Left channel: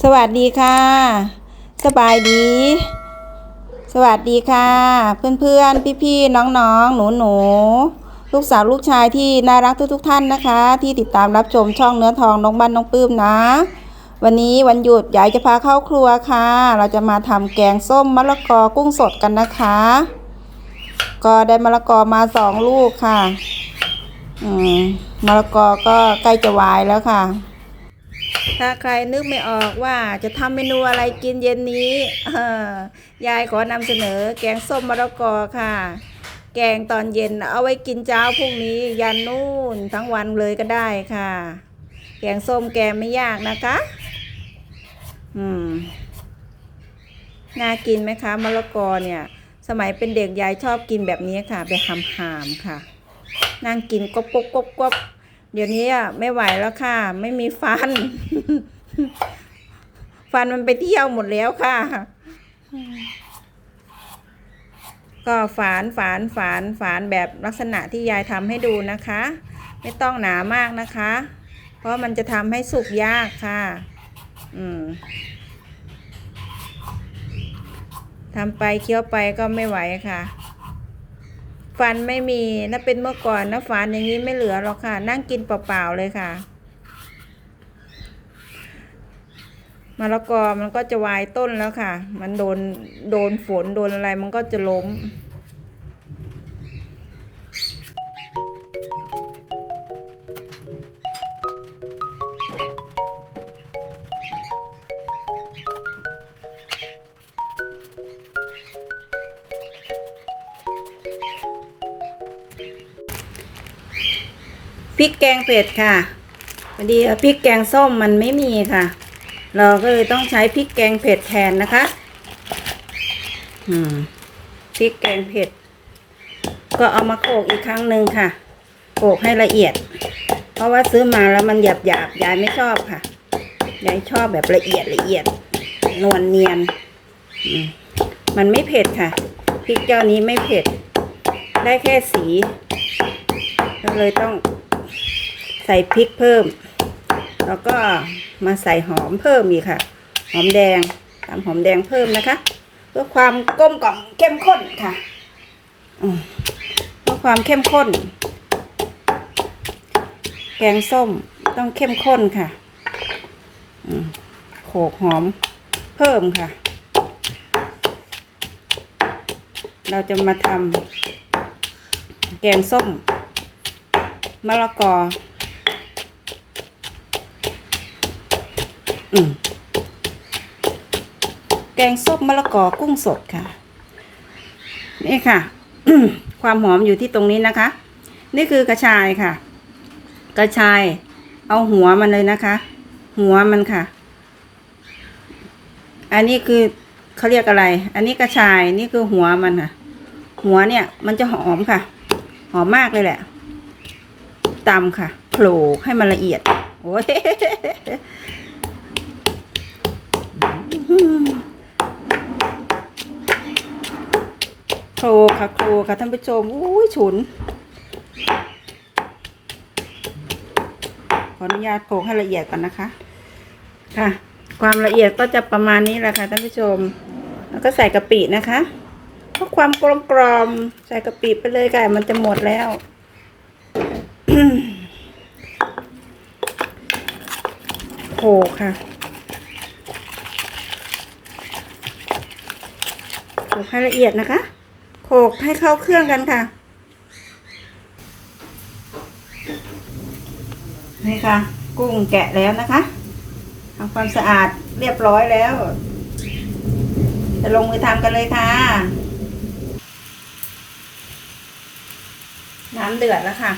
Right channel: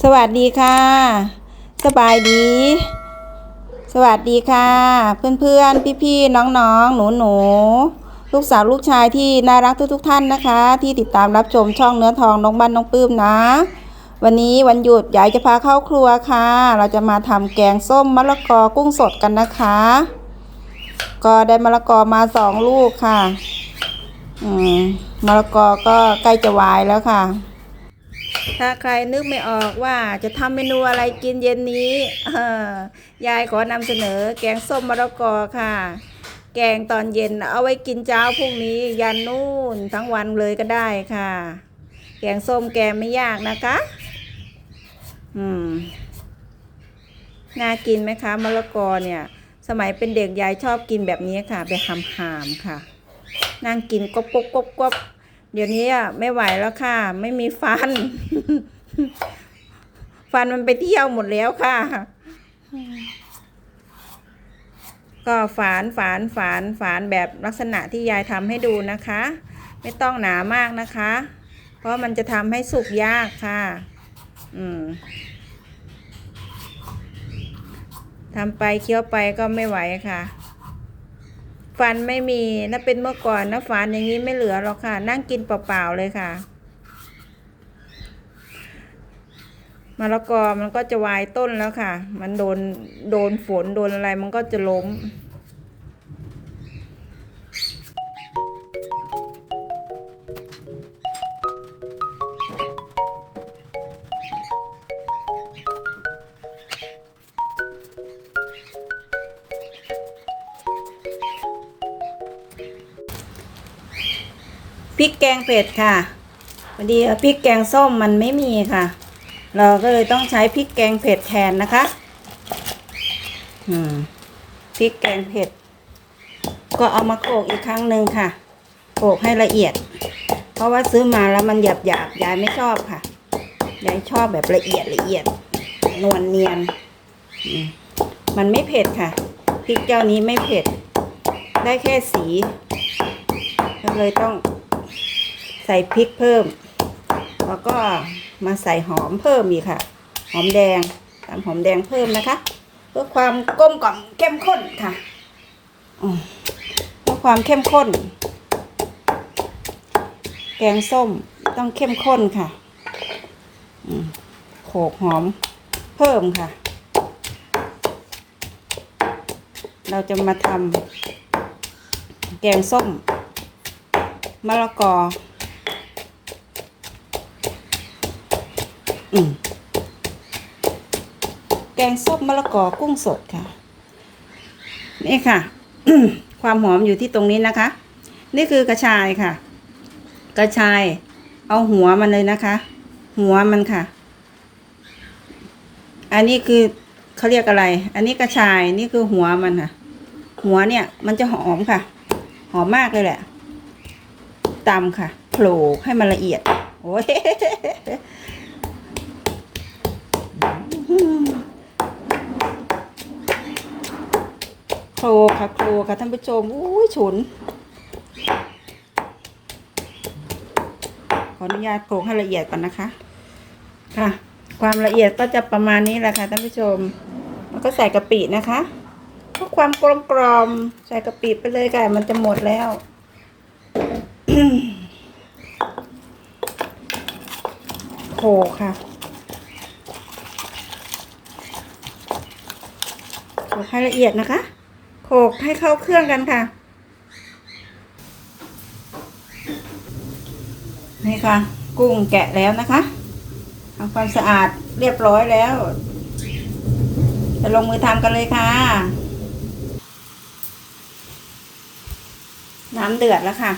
สวัสดีค่ะ สบายดี สวัสดีค่ะ เพื่อนๆ พี่ๆ น้องๆ หนูๆ ลูกสาวลูกชายที่น่ารักทุกๆ ท่านนะคะ ที่ติดตามรับชมช่องเนื้อทองน้องบ้านน้องปื้มนะ วันนี้วันหยุดยายจะพาเข้าครัวค่ะ เราจะมาทำแกงส้มมะละกอกุ้งสดกันนะคะ ก็ได้มะละกอมาสองลูกค่ะ อืมมะละกอก็ใกล้จะวายแล้วค่ะ ถ้าใครนึกไม่ออกว่าจะทำเมนูอะไรกินเย็นนี้ยายขอนำเสนอแกงส้มมะละกอค่ะ แกงตอนเย็นเอาไว้กินเช้าพรุ่งนี้ยันนู่นทั้งวันเลยก็ได้ค่ะ แกงส้มแกงไม่ยากนะคะ อืม น่ากินไหมคะมะละกอเนี่ย สมัยเป็นเด็กยายชอบกินแบบนี้ค่ะ ไปหำหามๆค่ะ นั่งกินกบกบกบกบ เดี๋ยวนี้อะไม่ไหวแล้วค่ะ ไม่มีฟัน ฟันมันไปเที่ยวหมดแล้วค่ะ ก็ฝานฝานฝานฝานแบบลักษณะที่ยายทำให้ดูนะคะ ไม่ต้องหนามากนะคะ เพราะมันจะทำให้สุกยากค่ะ อืมทำไปเคี้ยวไปก็ไม่ไหวค่ะ ฟันไม่มีน่าเป็นเมื่อก่อนนะฟันอย่างนี้ไม่เหลือหรอกค่ะ นั่งกินเปล่าๆเลยค่ะมะละกอมันก็จะวายต้นแล้วค่ะ มันโดนโดนฝนโดนอะไรมันก็จะล้ม ริกแกงเผ็ดค่ะพอดีพริกแกงส้มมันไม่มีค่ะ เราก็เลยต้องใช้พริกแกงเผ็ดแทนนะคะ อืมพริกแกงเผ็ด ก็เอามาโขกอีกครั้งหนึ่งค่ะโขกให้ละเอียด เพราะว่าซื้อมาแล้วมันหยาบหยาบยายไม่ชอบค่ะยายชอบแบบละเอียดละเอียด นวลเนียนมมันไม่เผ็ดค่ะพริกเจ้านี้ไม่เผ็ด ได้แค่สี ก็เลยต้อง ใส่พริกเพิ่ม แล้วก็มาใส่หอมเพิ่มอีกค่ะ หอมแดงตามหอมแดงเพิ่มนะคะ เพื่อความกลมกล่อมเข้มข้นค่ะเพื่อความเข้มข้น แกงส้มต้องเข้มข้นค่ะโขกหอมเพิ่มค่ะ เราจะมาทำแกงส้มมะละกอ อืมแกงส้มมะละกอกุ้งสดค่ะ นี่ค่ะ ความหอมอยู่ที่ตรงนี้นะคะ นี่คือกระชายค่ะ กระชาย เอาหัวมันเลยนะคะ หัวมันค่ะ อันนี้คือเขาเรียกอะไร อันนี้กระชายนี่คือหัวมันค่ะ หัวเนี่ย มันจะหอมค่ะ หอมมากเลยแหละตำค่ะโขลกให้มันละเอียด โอ้ย โคลกค่ะโคลกค่ะท่านผู้ชมอุ้ยฉุน ขออนุญาตโขลกให้ละเอียดก่อนนะคะ ค่ะ ความละเอียดก็จะประมาณนี้แหละค่ะท่านผู้ชม แล้วก็ใส่กะปินะคะเพื่อความกลมกลอมใส่กะปิไปเลยค่ะมันจะหมดแล้วโขค่ะขลกให้ละเอียดนะคะ โขกให้เข้าเครื่องกันค่ะ นี่ค่ะ กุ้งแกะแล้วนะคะทำความสะอาดเรียบร้อยแล้ว จะลงมือทำกันเลยค่ะ น้ำเดือดแล้วค่ะ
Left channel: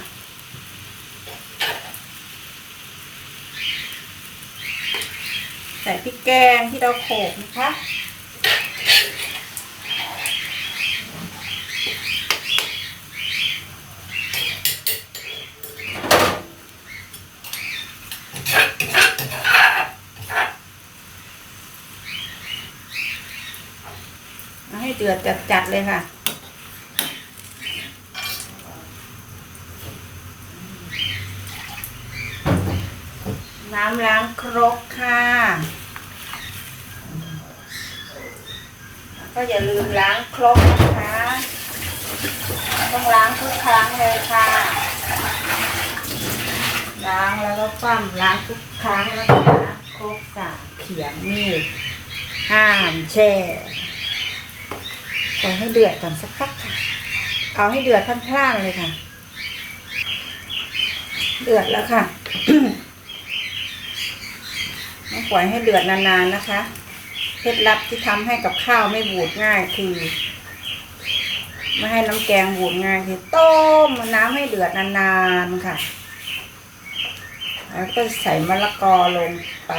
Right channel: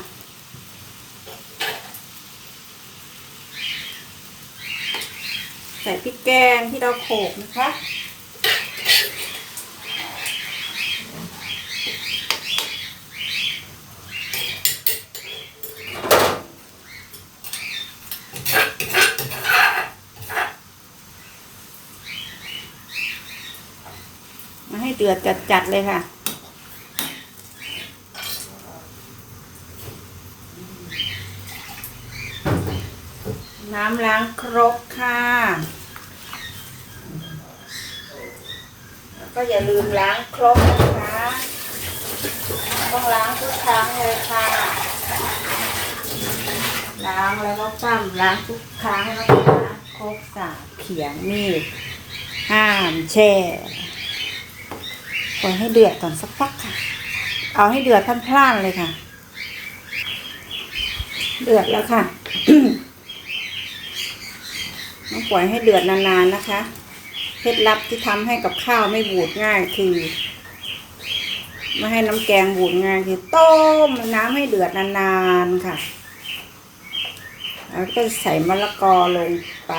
ใส่พริกแกงที่เราโขลกนะคะ จัดๆเลยค่ะ น้ำล้างครกค่ะก็อย่าลืมล้างครกนะคะ ต้องล้างทุกครั้งเลยค่ะ ล้างแล้วก็ปั้มล้างทุกครั้งนะคะครกสาเขียงมีดห้ามแช่ ปล่อยให้เดือดก่อนสักพักค่ะ เอาให้เดือดพล่านๆเลยค่ะ เดือดแล้วค่ะต้องปล่อยให้เดือดนานๆนะคะเคล็ดลับที่ทำให้กับข้าวไม่บูดง่ายคือไม่ให้น้ำแกงบูดง่ายคือต้มน้ำให้เดือดนานๆค่ะแล้วก็ใส่มะละกอลงไป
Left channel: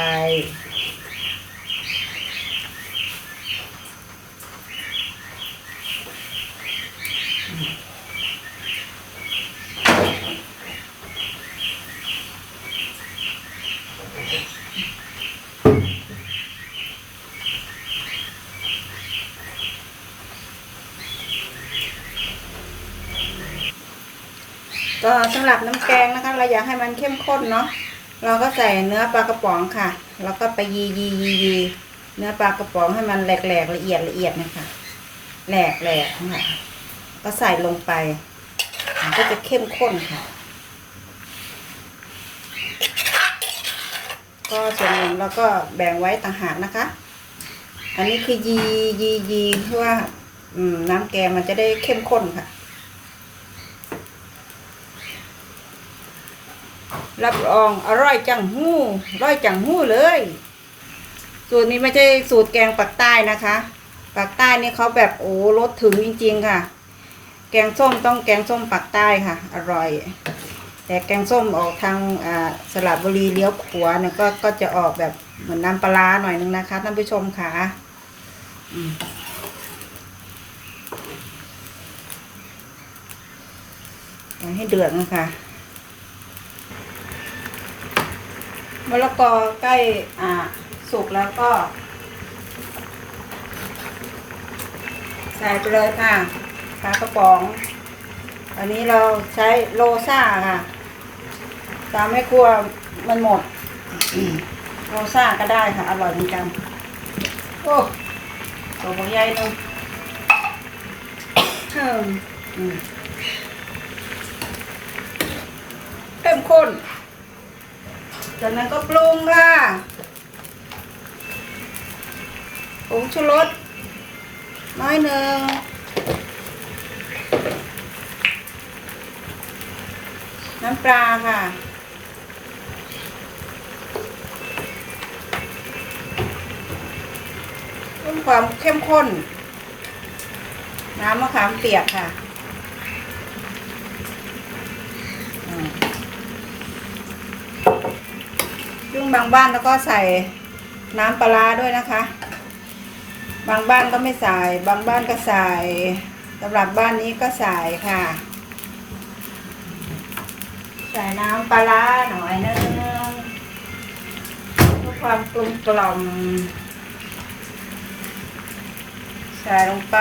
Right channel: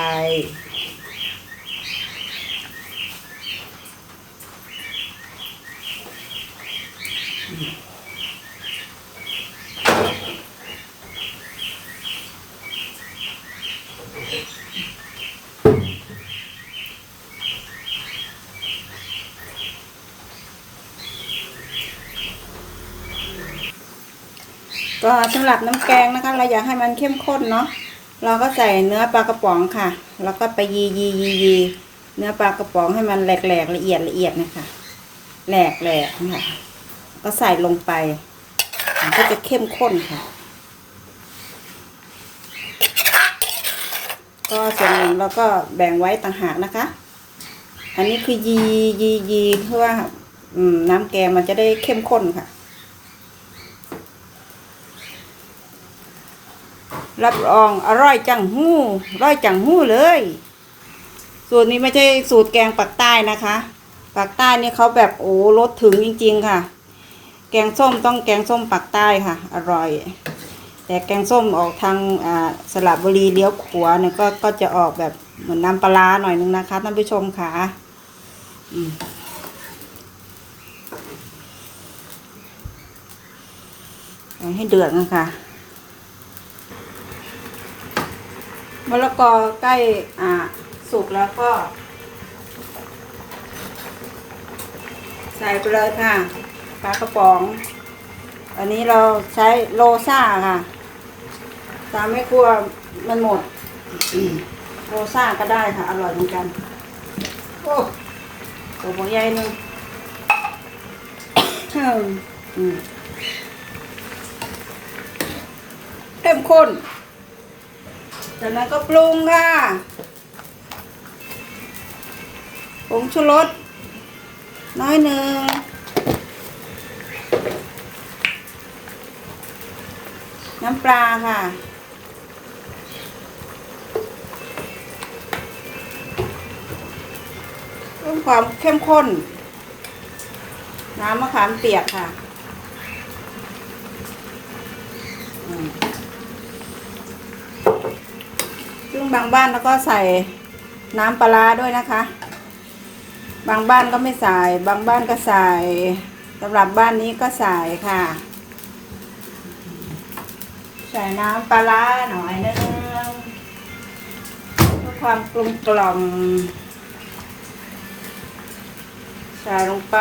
หรับน้ำแกงนะคะ เราอยากให้มันเข้มข้นเนาะเราก็ใส่เนื้อปลากระป๋องค่ะ แล้วก็ไปยียียียีเนื้อปลากระป๋องให้มันแหลกๆละเอียดละเอียดนะคะแหลกแหลกค่ะก็ใส่ลงไปมันก็จะเข้มข้นค่ะ ก็ส่วนหนึ่งเราก็แบ่งไว้ต่างหากนะคะ อันนี้คือยียียีเพื่อน้ำแกงมันจะได้เข้มข้นค่ะ รับรองอร่อยจังหู้อร่อยจังหู้เลย สูตรนี้ไม่ใช่สูตรแกงปักใต้นะคะปักใต้นี่เขาแบบโอ้รสถึงจริง ๆ ค่ะ แกงส้มต้องแกงส้มปักใต้ค่ะ อร่อย แต่แกงส้มออกทางสระบุรีเลี้ยวขวาเนี่ยก็ก็จะออกแบบเหมือนน้ำปลาหน่อยนึงนะคะท่านผู้ชมค่ะให้เดือดนะคะ มะละกอใกล้อ่าสุกแล้วก็ ใส่ไปเลยค่ะปลากระป๋อง อันนี้เราใช้โลซ่าค่ะตามไม่กลัวมันหมดโลซ่าก็ได้ค่ะ อร่อยเหมือนกัน โอ้ตัวหัวใหญ่นึงเข้มข้น จากนั้นก็ปรุงค่ะผงชูรสน้อยหนึ่งน้ำปลาค่ะ เพิ่มความเข้มข้น น้ำมะขามเปียกค่ะอืม ซึ่ง บางบ้านแล้วก็ใส่น้ำปลาด้วยนะคะ บางบ้านก็ไม่ใส่ บางบ้านก็ใส่สำหรับบ้านนี้ก็ใส่ค่ะ ใส่น้ำปลาร้าหน่อยนึงเพื่อความกลมกล่อมใส่ลงไป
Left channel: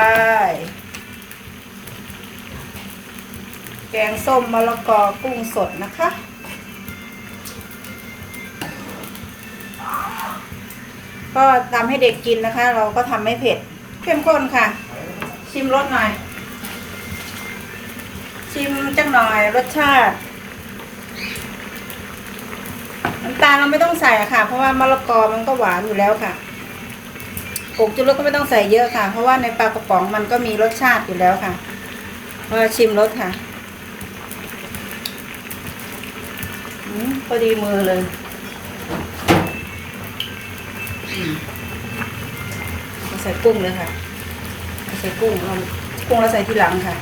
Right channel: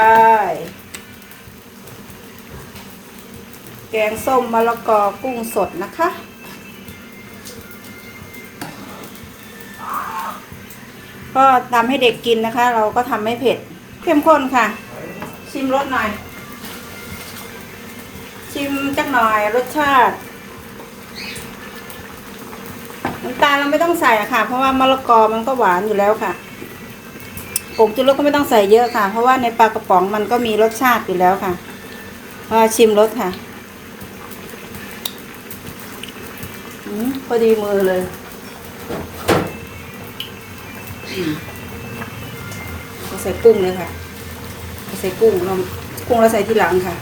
แกงส้มมะละกอกุ้งสดนะคะ ก็ทำให้เด็กกินนะคะ เราก็ทำไม่เผ็ดเข้มข้นค่ะ ชิมรสหน่อย ชิมจักหน่อยรสชาติน้ำตาลเราไม่ต้องใส่อะค่ะ เพราะว่ามะละกอมันก็หวานอยู่แล้วค่ะผงชูรสก็ไม่ต้องใส่เยอะค่ะ เพราะว่าในปลากระป๋องมันก็มีรสชาติอยู่แล้วค่ะมาชิมรสค่ะอืมพอดีมือเลย ใส่กุ้งเลยค่ะ ใส่กุ้งลงกุ้งเราใส่ทีหลังค่ะ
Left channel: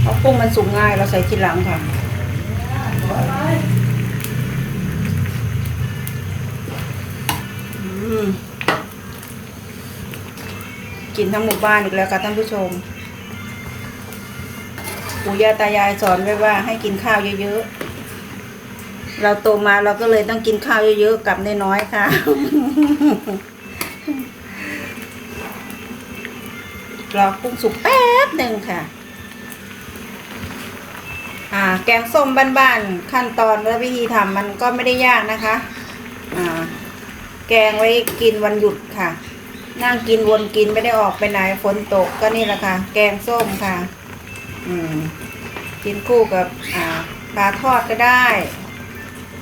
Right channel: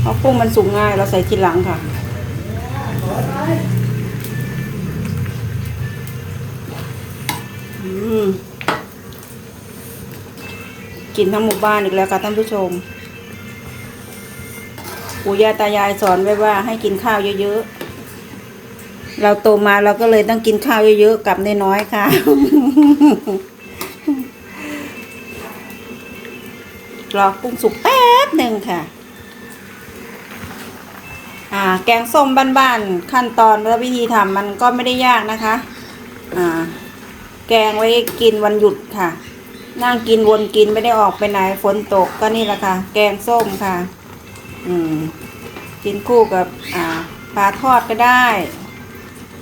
เพราะกุ้งมันสุกง่ายเราใส่ทีหลังค่ะกินทั้งหมู่บ้านอีกแล้วค่ะท่านผู้ชม ปู่ย่าตายายสอนไว้ว่าให้กินข้าวเยอะๆ เราโตมาเราก็เลยต้องกินข้าวเยอะๆกับน้อยๆค่ะ รอกุ้งสุกแป๊บหนึ่งค่ะ อ่าาแกงส้มบ้านๆ ขั้นตอนและวิธีทำมันก็ไม่ได้ยากนะคะ อ่า แกงไว้กินวันหยุดค่ะนั่งกินวนกินไม่ได้ออกไปไหนฝนตกก็นี่แหละค่ะ แกงส้มค่ะ อืมกินคู่กับอ่าปลาทอดก็ได้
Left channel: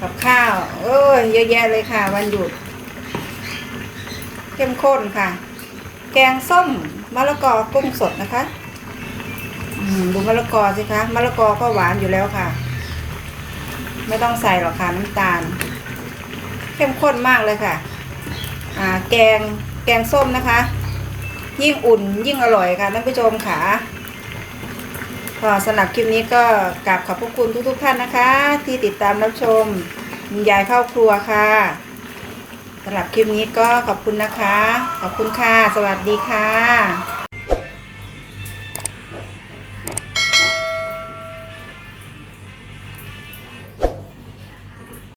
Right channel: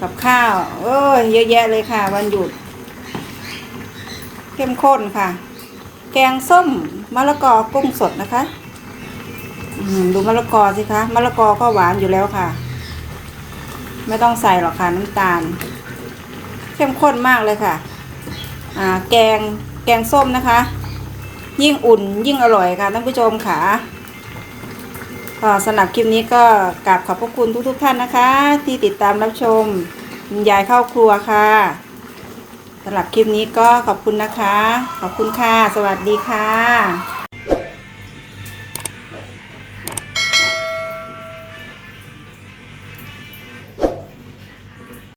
กับข้าว เอ้ยเยอะแยะเลยค่ะ วันหยุด เข้มข้นค่ะ แกงส้มมะละกอกุ้งสดนะคะดูมะละกอสิคะมะละกอก็หวานอยู่แล้วค่ะ ไม่ต้องใส่หรอกค่ะน้ำตาล เข้มข้นมากเลยค่ะแกงแกงส้มนะคะ ยิ่งอุ่นยิ่งอร่อยค่ะท่านผู้ชมค่ะ สำหรับคลิปนี้ก็กราบขอบพระคุณทุกๆท่านนะคะ ที่ติดตามรับชมยายเข้าครัวค่ะสำหรับคลิปนี้ก็ขอบคุณนะคะ ขอบคุณค่ะ สวัสดีค่ะ